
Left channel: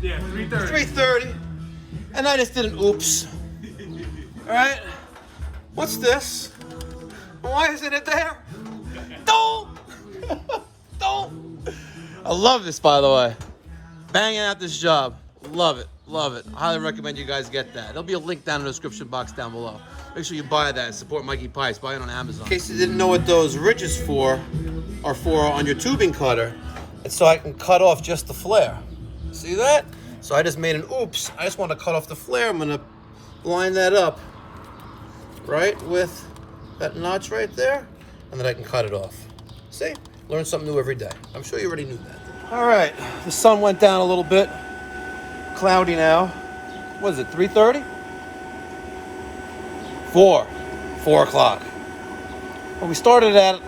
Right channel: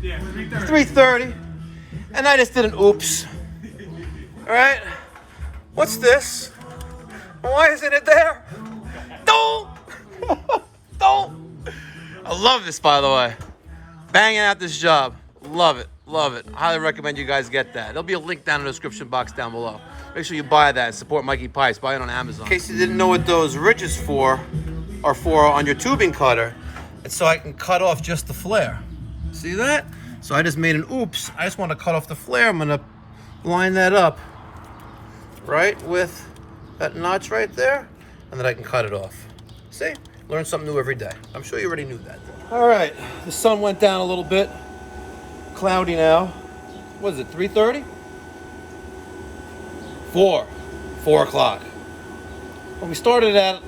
Yeah, 3:30. 3:30. And I just did an oops. All right. What's this? Why isn't it there? Don't. Don't. I love this, by the way. Banging out this job. Love it. Love it. I highly recommend you guys get that. There'll be a link down in the description box down below. Make sure you buy that and support Mikey Pipes. Buy it on Amazon. In case you didn't know what those ridges are for on your tubing cutter, it's so I can cut off just the flare. See that? So I just made an oops. I just want to cut off the flare. I'm going to line that up right with that notch right there, and then I can cut it off. See? Learn something new every day. I'm sure you already knew that. All right. The sun went down a little bit. Cloudy now. What is it, 3:30? 4 o'clock. Well, we started at...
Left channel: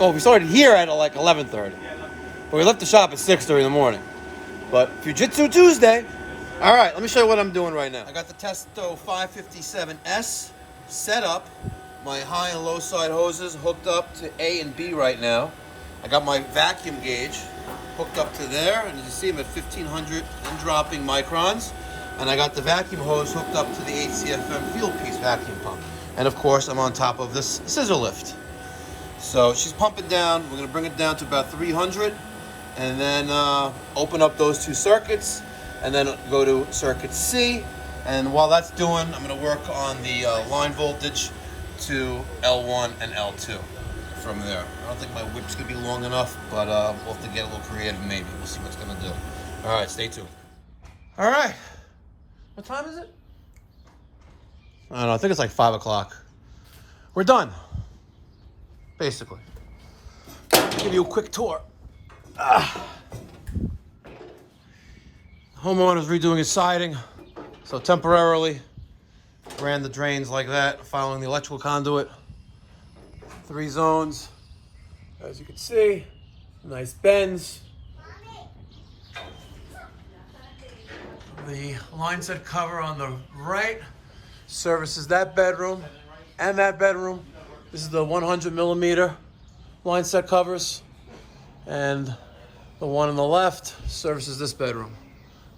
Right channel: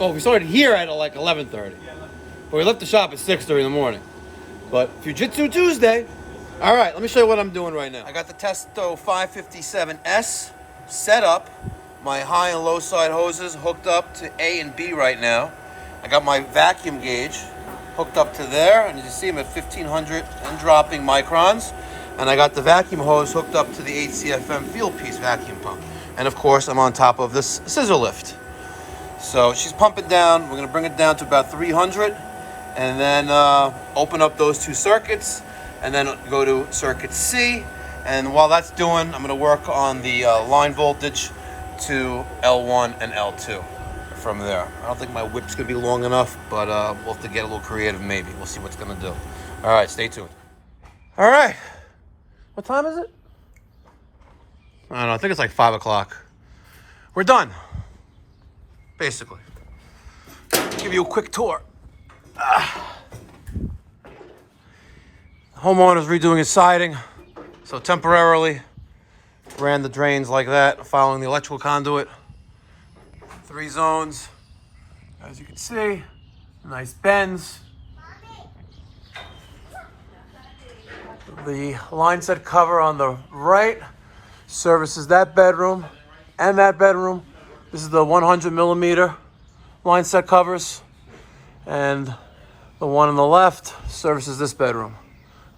Oh, we started here at like 11:30. But we left the shop at 6:30 in the morning. But Fujitsu Tuesday. All right, let me show you what I'm doing right now. I got the Testo 557S set up. My high and low side hoses hooked up to A and B right now. I got my vacuum gauge hooked up to there, and you can see I'm at 1500 and dropping microns. And I got the vacuum hose hooked up to the HCFM field piece vacuum pump. And of course, I'm on top of this scissor lift. So she's pumping down. We're gonna bring it down to about 300, and then open up those two circuits. and then go to circuit C. And while that's doing, I'm gonna work on the line voltage to L1 and L2 from there. I don't think my whip's gonna be long enough, but we'll have to get a little creative maybe. We'll see what's gonna do. All right, stay tuned. All right, what time is it? I don't know, I think it's like 5 o'clock. We're done, basically. Give you a quick tour. Homeowner's redoing his siding, so temporarily ran the drains like that, following the electrical conduit. 3 zones, as you can see, nice bends. The line set cover on the right services that bedroom and that bedroom. This is the 100 millimeter line set covers, and the one on the left services this bedroom.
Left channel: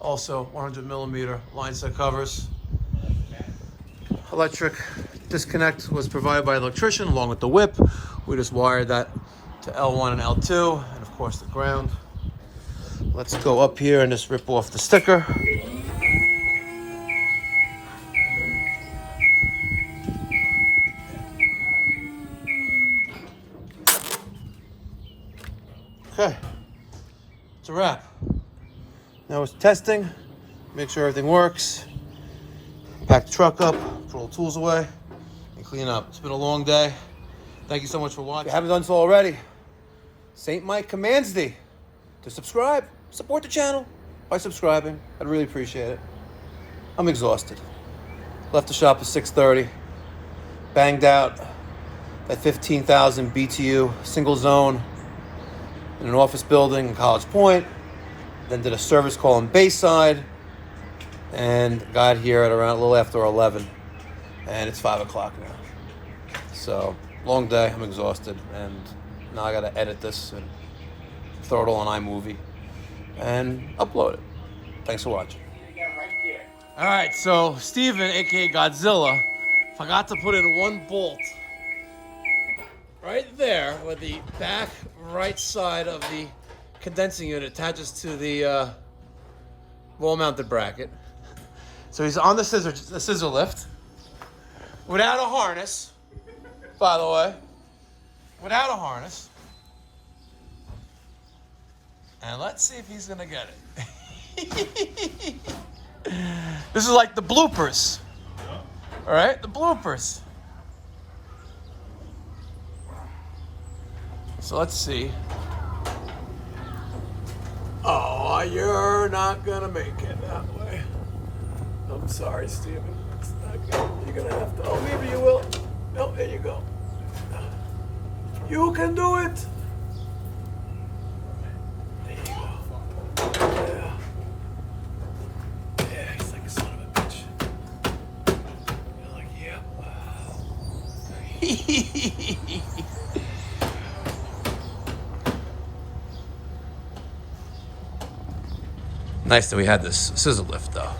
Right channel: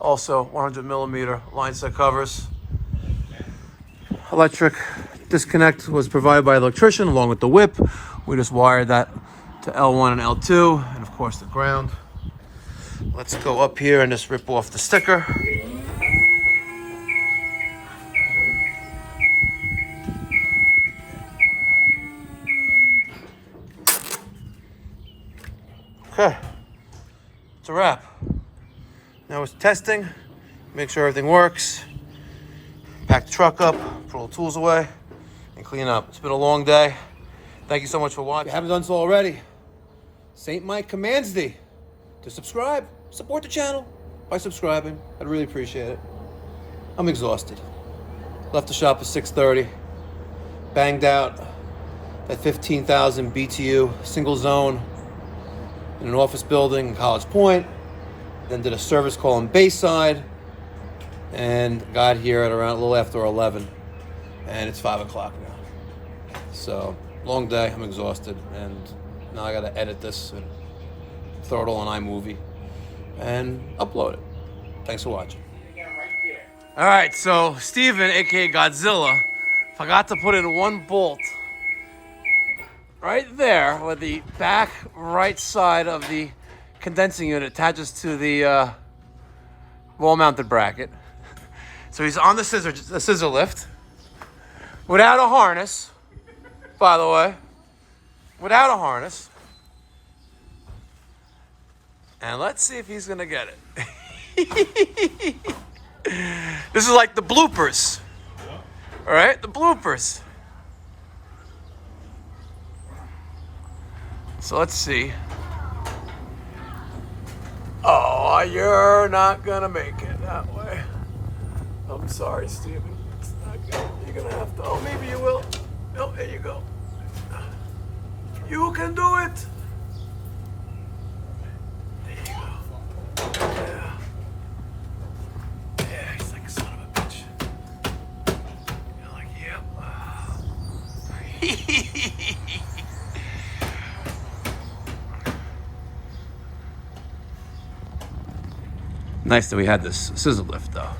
Also 100 millimeter line set covers. Electric disconnect was provided by the electrician along with the whip. We just wired that to L1 and L2, and of course the ground. Let's go up here and just rip off the sticker. Okay, it's a wrap. Now it's testing, make sure everything works. Pack the truck up, put all the tools away, and clean up. It's been a long day. Thank you so much for watching. If you haven't done so already, St. Mike commands thee to subscribe. Support the channel by subscribing. I'd really appreciate it. I'm exhausted. Left the shop at 6:30. Banged out that 15,000 BTU single zone in an office building in College Point. Then did a service call in Bayside, and got here at around a little after 11, and it's 5 o'clock now. So long day, I'm exhausted, and now I gotta edit this and throw it all on iMovie and upload it. Thanks for watching. All right, so Steven, aka Godzilla, forgot to put in one bolt right there where the back right side of the condensing unit attaches to the wall-mounted bracket. So he's on the scissor lift without a harness, by the way, without a harness. And let's see if he's gonna get it. This is like the bloopers. All right, the bloopers. So let's see. Oh, you're not gonna make it that way. I'm sorry, Steven. It's not good. You're gonna have to. Oh, maybe you will. No, there you go. You can do it. There you go. Yeah. Yeah, he's like a son of a bitch. You're like, yep. Nice that we had this scissor lift, though.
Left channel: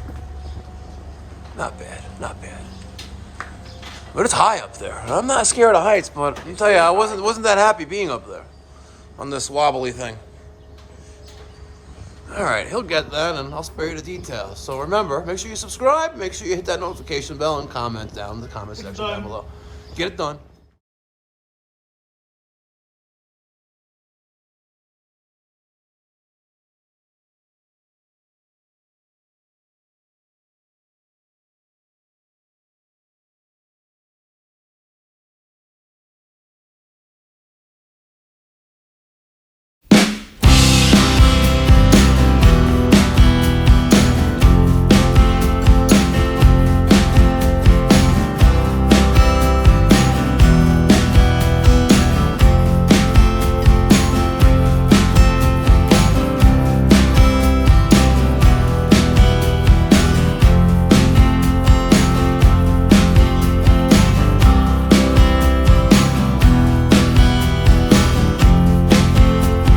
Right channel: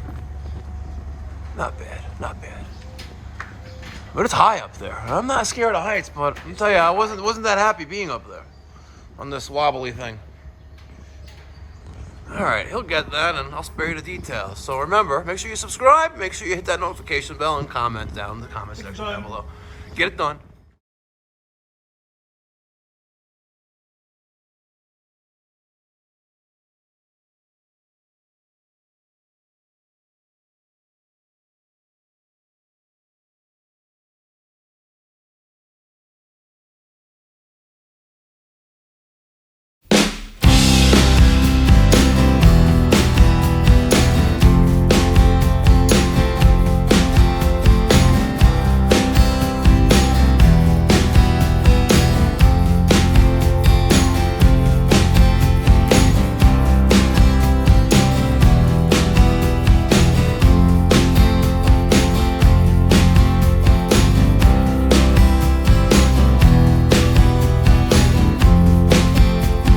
Not bad, not bad. But it's high up there. I'm not scared of heights, but I'll tell you, I wasn't that happy being up there on this wobbly thing. All right, he'll get that, and I'll spare you the details. So remember, make sure you subscribe, make sure you hit that notification bell, and comment down in the comment section down below. Get it done.